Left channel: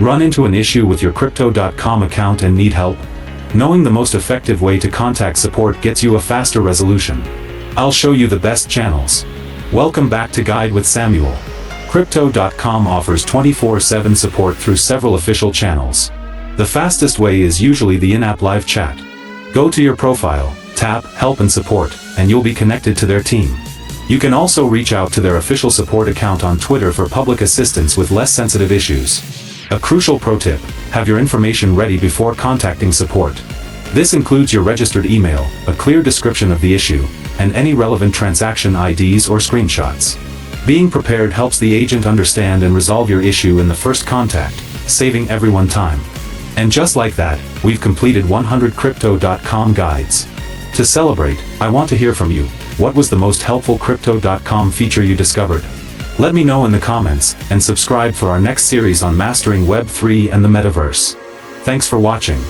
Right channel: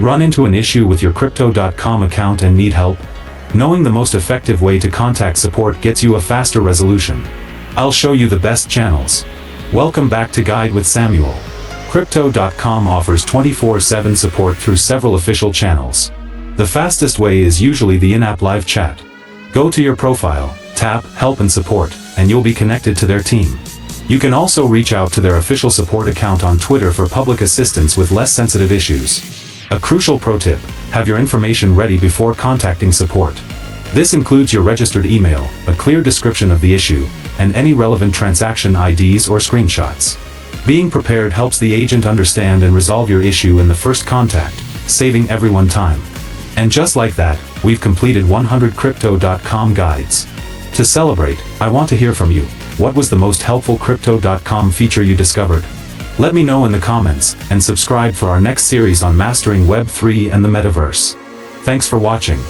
Run into an issue with your Crypto.com account and need help? Knowing the most effective way to contact support gets you a faster resolution. I'll show you the best channels. Welcome back to Guide with Samuel. Crypto.com offers 24/7 support through several official channels. The fastest way is usually the in-app live chat. Go to your profile, tap Help and Support, and you'll be connected to their team. You can also reach out to their official support account on Twitter for public assistance with less sensitive issues. A crucial pro tip: have your information ready before contacting support. This includes your registered email, a clear description of the issue, and any relevant transaction IDs or screenshots. Being prepared helps the agent understand and resolve your issue in the first contact, saving everyone time. And just like that, we've completed 100 Crypto.com guides. To celebrate, I want to hear from you. What was the most helpful Crypto.com feature you discovered? Let me know in the comments, and subscribe for our next series on mastering Web3 and the metaverse. Thanks for watching.